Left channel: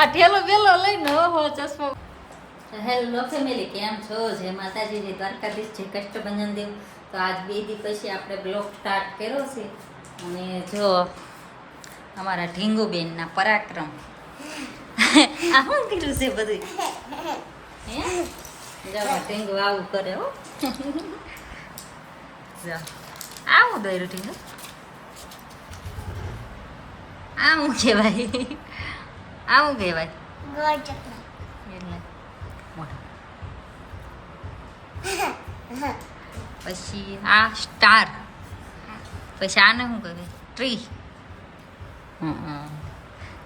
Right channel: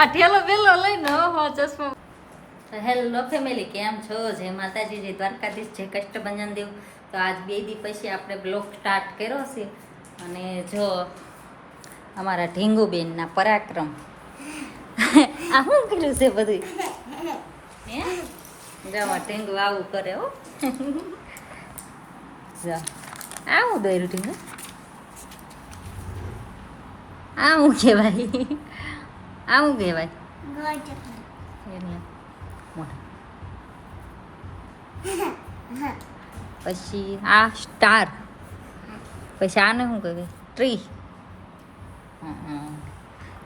આ ઠેલો વેલો લઈને હો ચશ્મા. હેલો ફેમિલી, કેમ છો? જય માતાજી, જય દ્વારકાધીશ, જય કષ્ટભંજન દેવ. તો આજ 2 દી પછી આપણે બ્લોગ સ્ટાર્ટ કર્યો છે. અને જો અમારા ઢીંગુબેનના પરાક્રમ આ શું કર્યું છે બધું હે? જો ઢીંગુ આવું કરે હો. જો આવું દોર્યું ઢીંગુ, આવું કહેવાય, આવું કહેવાય એટલે મોટા. પછી આ સ્ટાર, પછી આને શું કહેવાય? ટ્રી.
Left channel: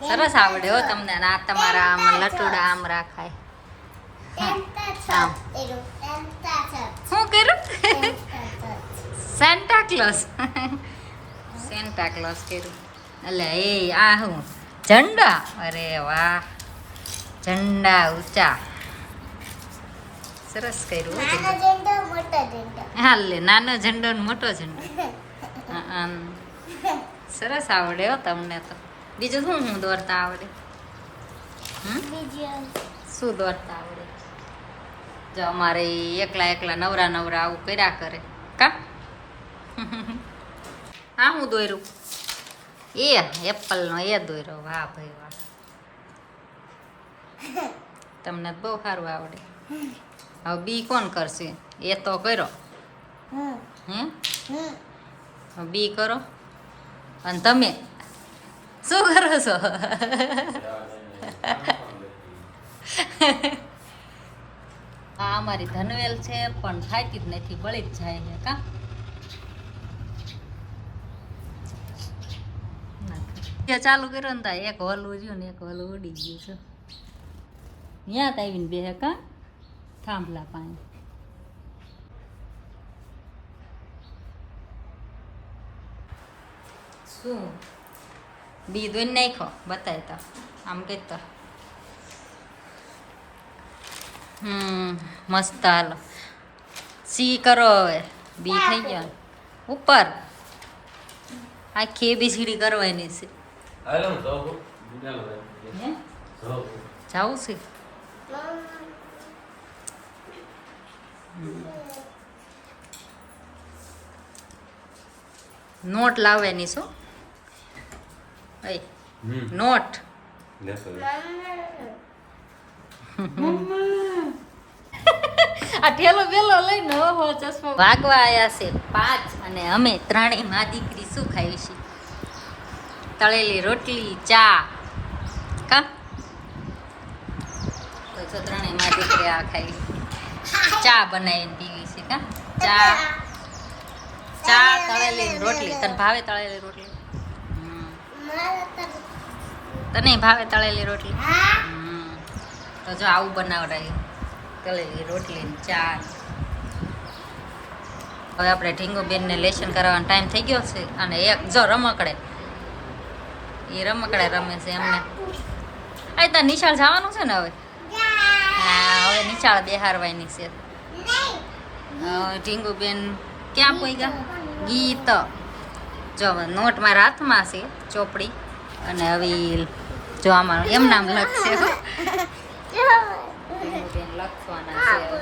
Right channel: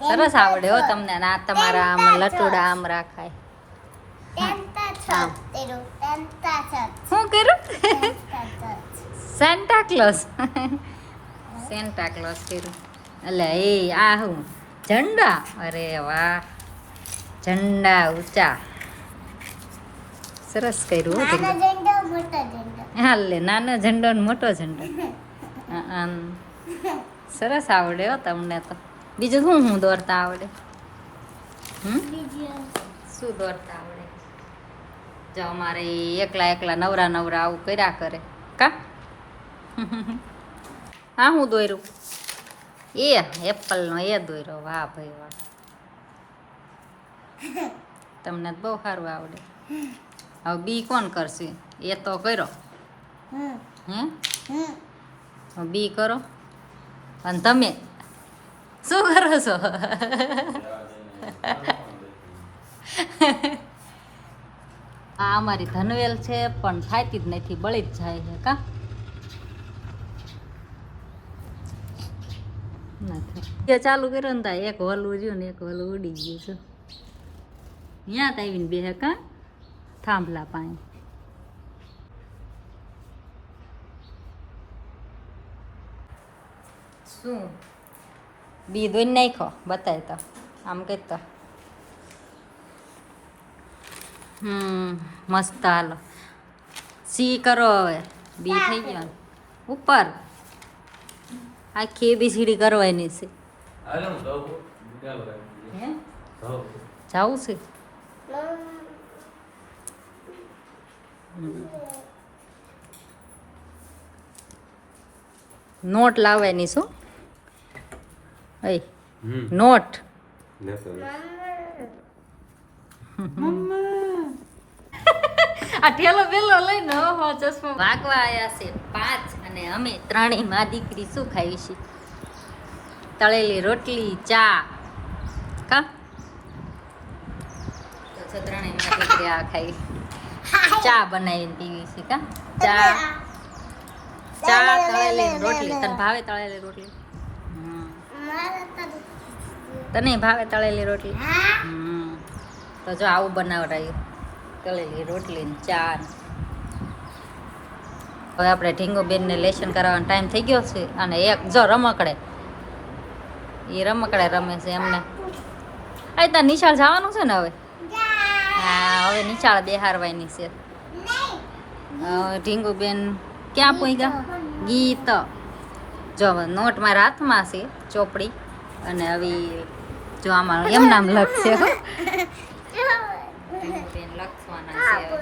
સરસ આવડે હો તમને. અને આ તમારા આમ લટુડા આમ રાખાય. આમ શું કર્યું? Santa close. સેન્ટા ક્લોઝ કર્યું. એટલે એ આ શું ઝંડા? અરે વાહ, ઝંડા ઊંચા. સરસ કર્યું. હા લે, નાનો ઝંડો ને મોટો ઝંડો. સરસ આવડે હો તમને તો. બીજું શું દોરતા આવડે? શું દોરતા આવડે? જો અમારે એકલા એકલા નવરા નવરા આવું કર્યા કરે કા. હા હું દોર્યું એ એપલનો એ દોર્યો. વાહ ભાઈ વાહ, તમને બહુ સારું આવડે. હવે બી કોણ કરશે? એ તો કર્યો હે. બી કરો. અને તમે શું કરો છો? આ અમારી ધનવેલ છે, પણ થાકી જ નથી, બળી જ જાય છે કા. ચાલુ કર્યો ને તા એક હલવું રહ્યું ને એક હલવું ઉડી ગયું છે. ત્યાં જ આવીને બે કા થાંભલા પાસે. શું બી દોઈ નાખો? બતાય તો આમ કહેતો. મસ્ત. હાલો સી કરો હવે. બી થઈ ગયો ઉપર. આખી ABCD કરવાની છે. જાવું છે. નોટ લાવવાની શું? નોટ આ ઠેલો વેલો લઈને હો ચશ્મા. વાગવા આવ્યા છે 5 અને અમે ત્રણેય માં દીકરી શું ખાઈ છે? તળેલી રોટલી, ચા કા. તો જો ત્રણેય માં દીકરી આ ખાઈ, ચા બનાવીને પીવી છે કા. ચા તળેલી રોટલી. તને ભાવે તળેલી રોટલી? તને ભાવે તળેલી રોટલી? તો જો આવું બનાવડાયું, તળેલી રોટલી ને ચા. હવે આપણે ઢીંગુબેનને લેસન કરાવવાનો ટાઈમ થઈ ગયો છે. અને એક જો રમકડે, એ રમકડે રમે છે એમને. આ ત્યાં નિશાળ જવાનું છે ને હવે. હા હવે નિશાળ બેહારવાની છે. ઢીંગુબેન ક્યાં પૂગ્યા? ગીત. જો નોટ મારા હાથમાં છે, ચોપડી. અને હવે જો આમાં એમ નામ લખશે. લખવાના છે.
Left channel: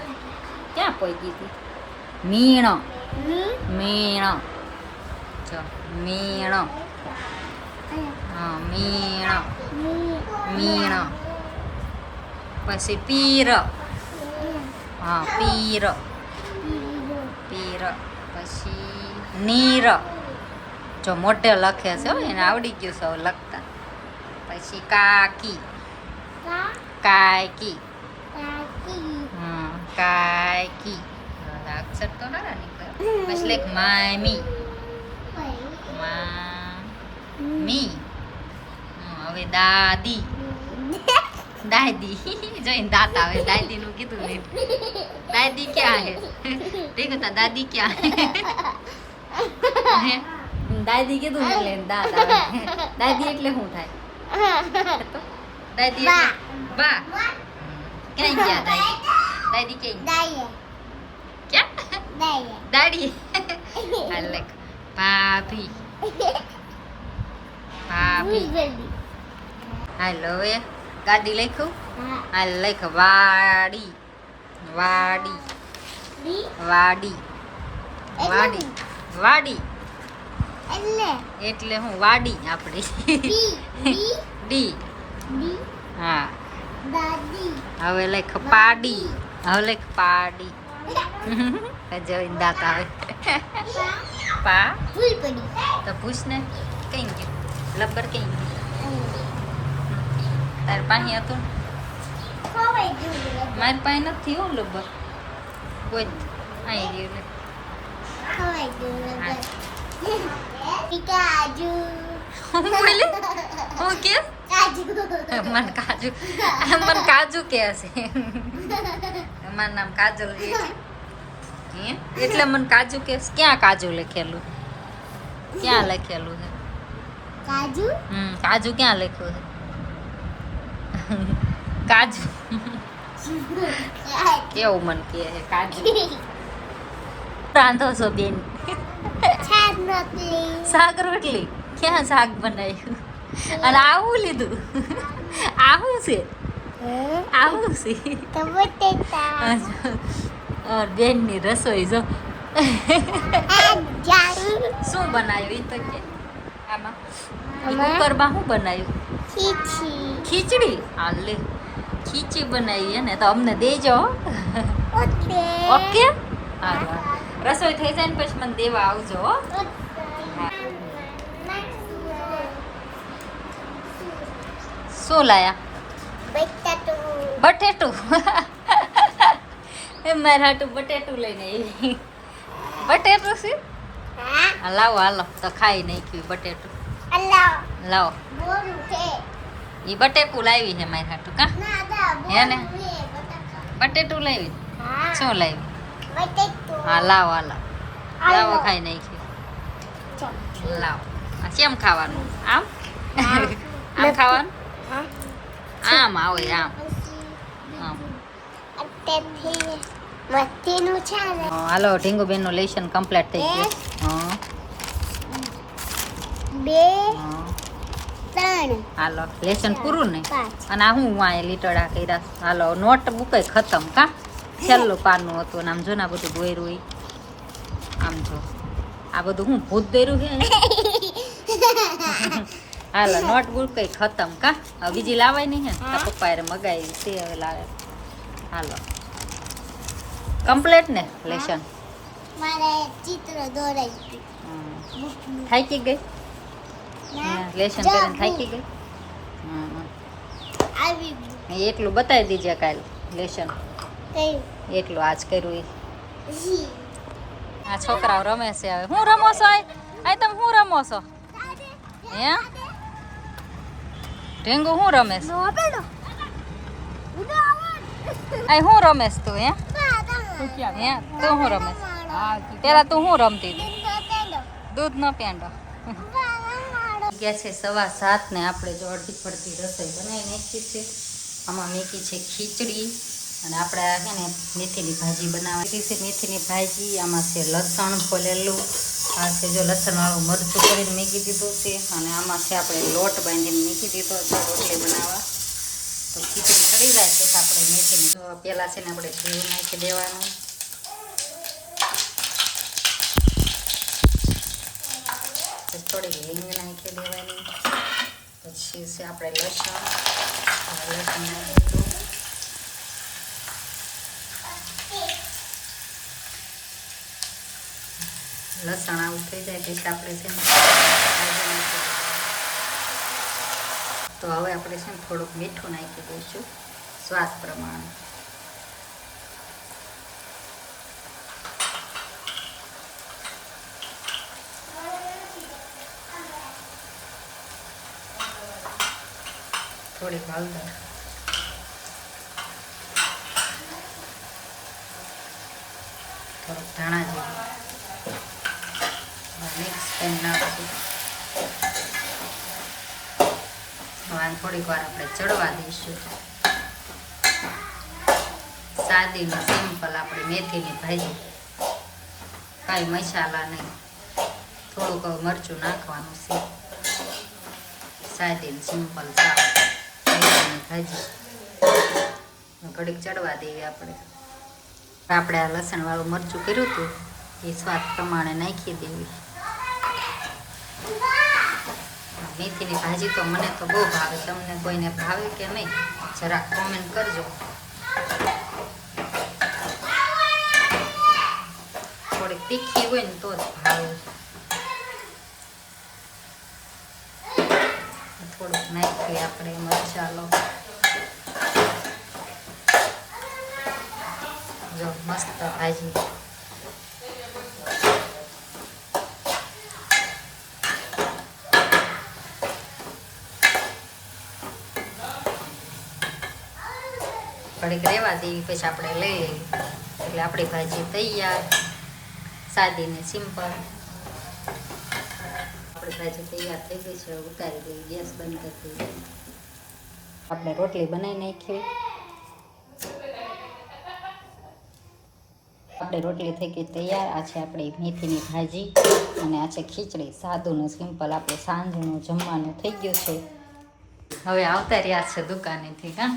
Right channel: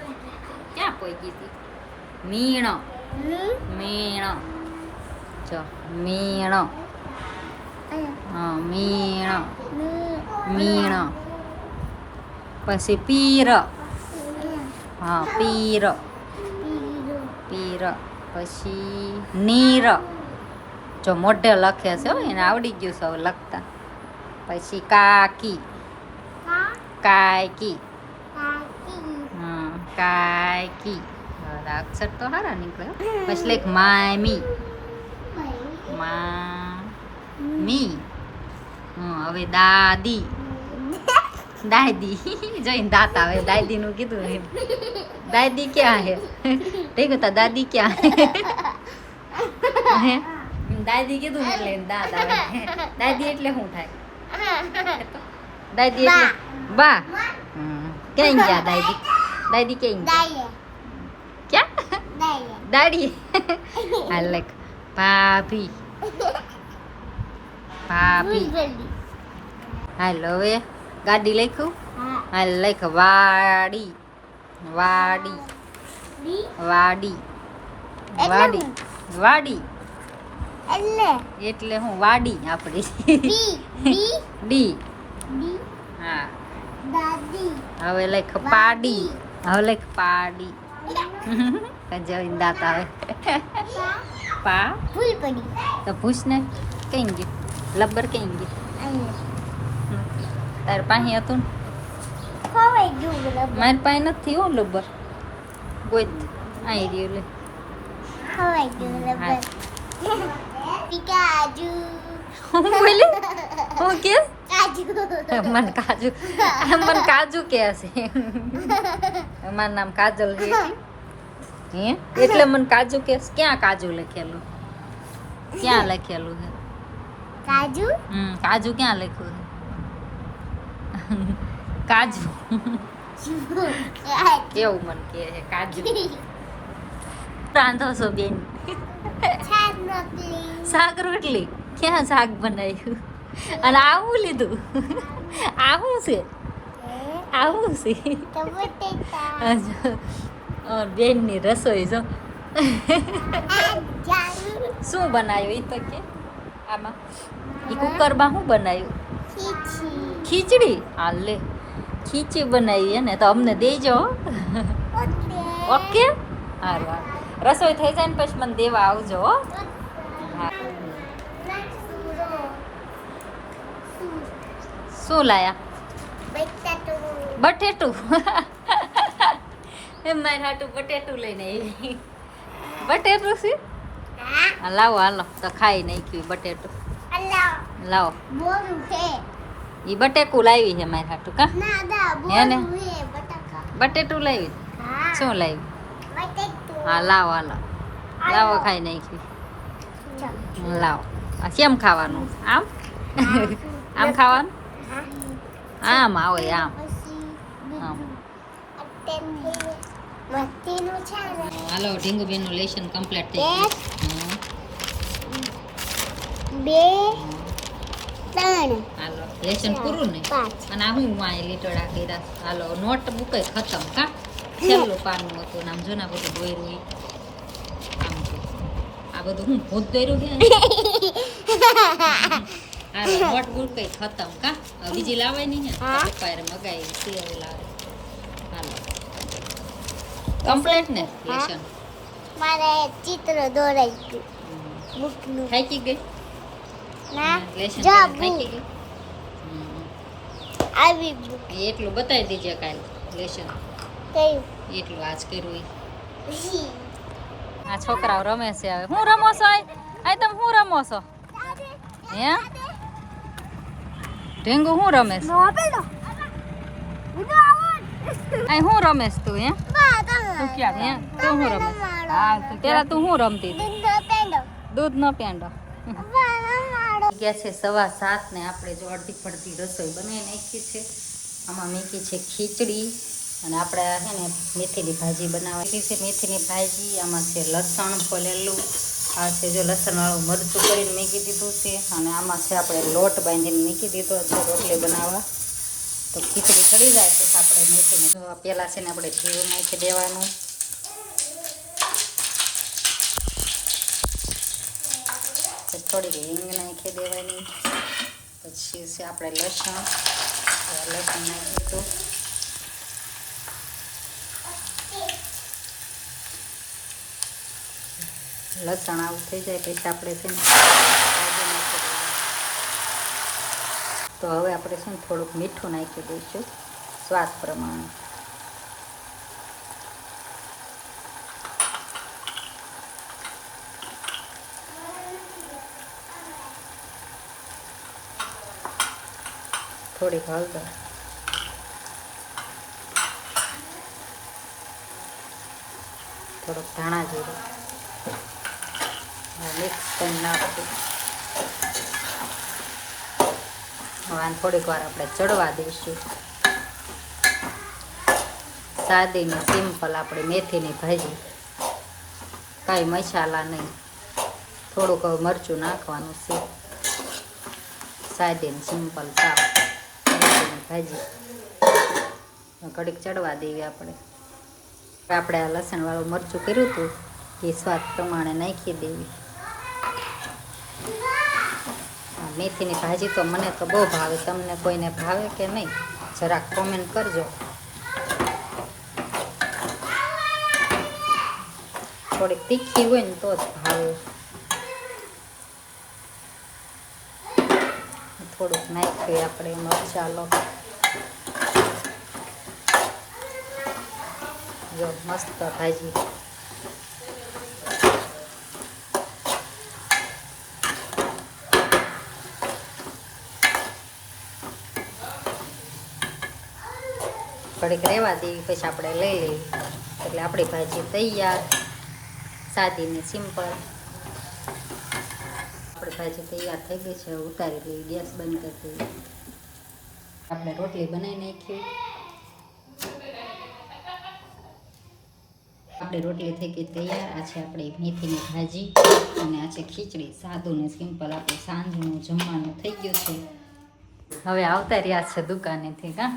ક્યાં પૂગી હતી? મીણો. મીણો. જો મીણો. હા મીણો. મીણો. પછી પીર. હા પીર. પીર. પછી નીર. જો મોઢે લખે છે એને આવડી ગયું છે હવે લખતા. પછી કાકી. કાકી. કાકી. અક્ષર તો સારા નીકળ્યો. પછી લાઈક મામી. મામી. હવે દાદી. દાદી જોઈને દાંત આવે. દાદી નું કીધું ને. દાદી ક્યાં હે? દેખો તા દાદી ક્યાં હે? દાદી કીધું ને એટલે દાંત આવે. દાદી એટલે શું થાય? દાદી એટલે બા. ક્યાં ગયા દાદી? દાદી ક્યાં? ક્યાં? દાડી. હાલ ભાભી. ભાભી. હાલો હવે ગાડી લખ્યું હાલ લખ વાડી વાડી વાડી વાડી વાડી એટલે હું વાડી આપણી ડી હા હવે લખ પાડી હવે લખ પાડી જોઈને દાંત આવે પા તો પૂછ ને કઈ ગયું લબર કઈ ગયું તાર પાસે હતું મારી પાસે નથી હો લબર કોઈ આવી રહ્યું હું બોલે હું કે મન કાજુ કે છે મારું નામ કાજલ છે એટલે મને કાજુ કે ક્યાં કાજુ લખેલું ક્યાં લખેલું છે કાજુ ક્યાં લખ્યું છે કાજુ કેવું મને કે કાજુ રાંધો છો બેન શાક રોટલી ક્યાં શાક બનાવ્યું અને આવું લીધું આવું છે આવું છે બેનની રસોઈ જો શું બનાવ્યું એ તો કે આમાં એ કુકરમાં શું બનાવ્યું ખીચડી હા લે ખીચડી બનાવી ને તો અમને દેજો ઓકે સારું રસોઈ થઈ જાય ને પછી મને દેવા આવજો શું લાયા બટેટું એમ મારે હાટું બટેટું લઈને આવી બટેટું છે લાવો હાલો તો ખાઈ નાખ્યું બટેટું લાવો એ બટેકું લાવી છે મારી હાટું કા હે ને બટેટું લાવી શું લાવી હા લાવો હાલો લાવો ખાઈ નાખ્યું લાવો કેમ ખાવાનું આમ આમ ખાવાનું આમ આવે આમ આમ હાલો ઢીંગુબેન નું લેશન કમ્પ્લીટ થઈ ગયું હાલો લેશન પૂરું ને અને આ હું વાંય લીટડા કર્યા હાલો નોટ બુક ખતમ કા છેલ્લું પાનું હતું આમ જો ને આ બધું દોર્યું આમ જો આ બધું હું ભૂત દોર્યું છે હાલો નોટબુક કઈ ખતમ કા હવે બીજી લાવાય નહીં હે તો પપ્પાએ મગાવી છે હવે લાવે હાલો કમ્પ્લીટ ને લેશન મારે ચિત્ર દોરાઈ ગયું બુકનું થાકી ગઈ લેશન કરીને થાકી ગઈ આવી એટલું બતાવી દીજે કાલ લેશન કઈ એટલું આજ કર્યું આ છોકરાઓ રમે છે હવે હું રમો છો આ તમે હું રમો છો હે ઢેંગુ હું રમેશ આ હું રમેશ તું હે તું હું રમેશ પેલા તું હું રમતી દૂધ નો પેંડો ગયા છે 7:15 ને આપણે જો અડધી પડધી રસોઈ બનાવી નાખી છે આમાં મેકી છે ખીચડી અને આપણે છે ને મેથીની ભાજી બનાવવાની છે મેથીની ભાજી આમાં છે લસણ ફોલેલું આ છે જો લસણવાળું મરચું કરીને મૂકી દીધું છે અને આમાં છે આપણે લોટ બાંધીને મૂકી દીધો છે રોટલી બનાવવા તો ખીચડી ચડી જાય પછી આપણે મેથીને પહેલાં છે ને આપણે જીરું નાખી દેવાનું પછી થોડીક હિંગ નાખી દેવાની પછી છે આપણે લસણ નાખી દીધું લસણ આવું થઈ જાય પછી આપણે છે ને તો હવે આપણે છે ને થોડુંક મીઠું નાખી દઈશું સ્વાદ પ્રમાણે થોડીક હળદર થોડુંક ધાણા જીરું મિક્સ કરી નાખશું હવે થોડીક વાર આપણે ચડવા દઈશું સાદી ને સિમ્પલ આપણે મેથીની ભાજી કાંઈ મસાલા નહીં થોડુંક મરચું નાખવાનું છે સાદી ને સિમ્પલ શાક મેથીની ભાજી કડીક ચડવા દઈએ આપણે આ લસણવાળું મરચું કર્યું હતું એ સ્વાદ પ્રમાણે નાખી દેવી. મેથીની ભાજી તો મને તો બહુ ભાવે. તમને કોઈને ભાવે કે નહીં જરાક કોમેન્ટ કરજો. થોડીક તીખી હોય ને તો જ ભાવે. થોડુંક નાખીએ આપણે મસાલો. જો મસ્ત ભાજી. ઘડીક રહેવા દેવી પછી આપણે લઈ લેવી એટલે આપણી ભાજી તૈયાર. સાદી ને સિમ્પલ આપણી ભાજી તૈયાર થઈ ગઈ છે. ઉતારી દઈએ. ગેસ બંધ કરી દઈએ. આપણે રોટલી બનાવી નાખી. આપણી રોટલી થઈ ગઈ તૈયાર. આ છે આપણી મેથીની ભાજી અને આ છે ખીચડી. સાદું ને સિમ્પલ આપણે સાંજનું જમવાનું થઈ ગયું છે. હવે આવતા રહ્યા છે દુકાનેથી. કાં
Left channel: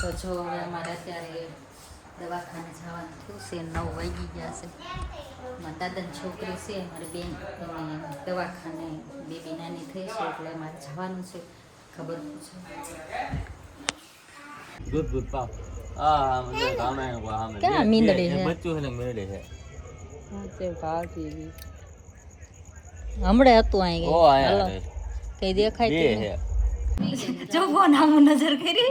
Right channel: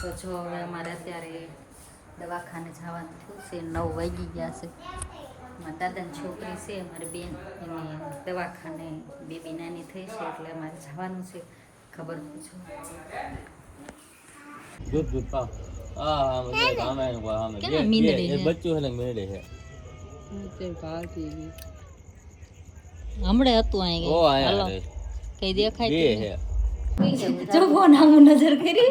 તો જો હવે અમારે અત્યારે દવાખાને જવાનું થયું છે. 9 વાગી ગયા છે. મારા દાદાની છોકરી છે મારી બેન એને દવાખાને બેબી નાની થઈ છે એટલે અમારે જવાનું છે. ખબર પૂછો ક્યાં મીંદડી છે? હમણાં હતું અહીં કઈ દેખાય જો ફોન આવું નજર કરી.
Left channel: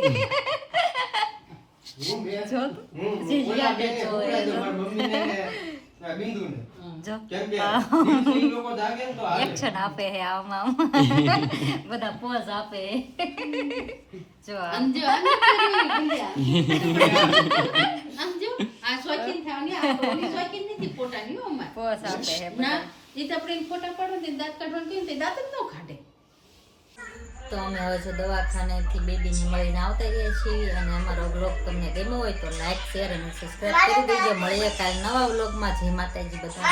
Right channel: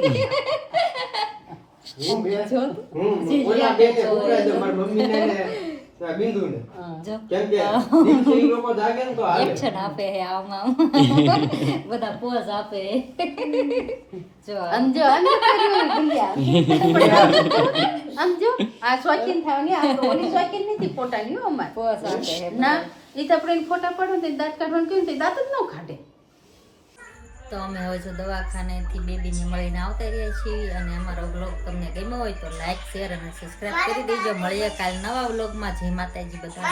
એક્શન આપે હે આમાં બધા પોઝ આપે. જો સમજો આ શોખીન થવાની આ શોખીન નથી ફોટાની હો અમાર પોઝ આપે હે ના એ તો આપણે ફોટા પાડો ને દાંત કાઢવાનું કેમ તે દાંત જ ન કાઢે. તો અમે હવે જો દવાખાનેથી બેબીને મળીને આવતા રહ્યા છીએ અને અમારો બ્લોગ તમને ગમ્યો હોય તો લાઈક શેર અને સબસ્ક્રાઈબ કરી દેજો. મળીએ કાલ નવા વ્લોગમાં. જય માતાજી બધા.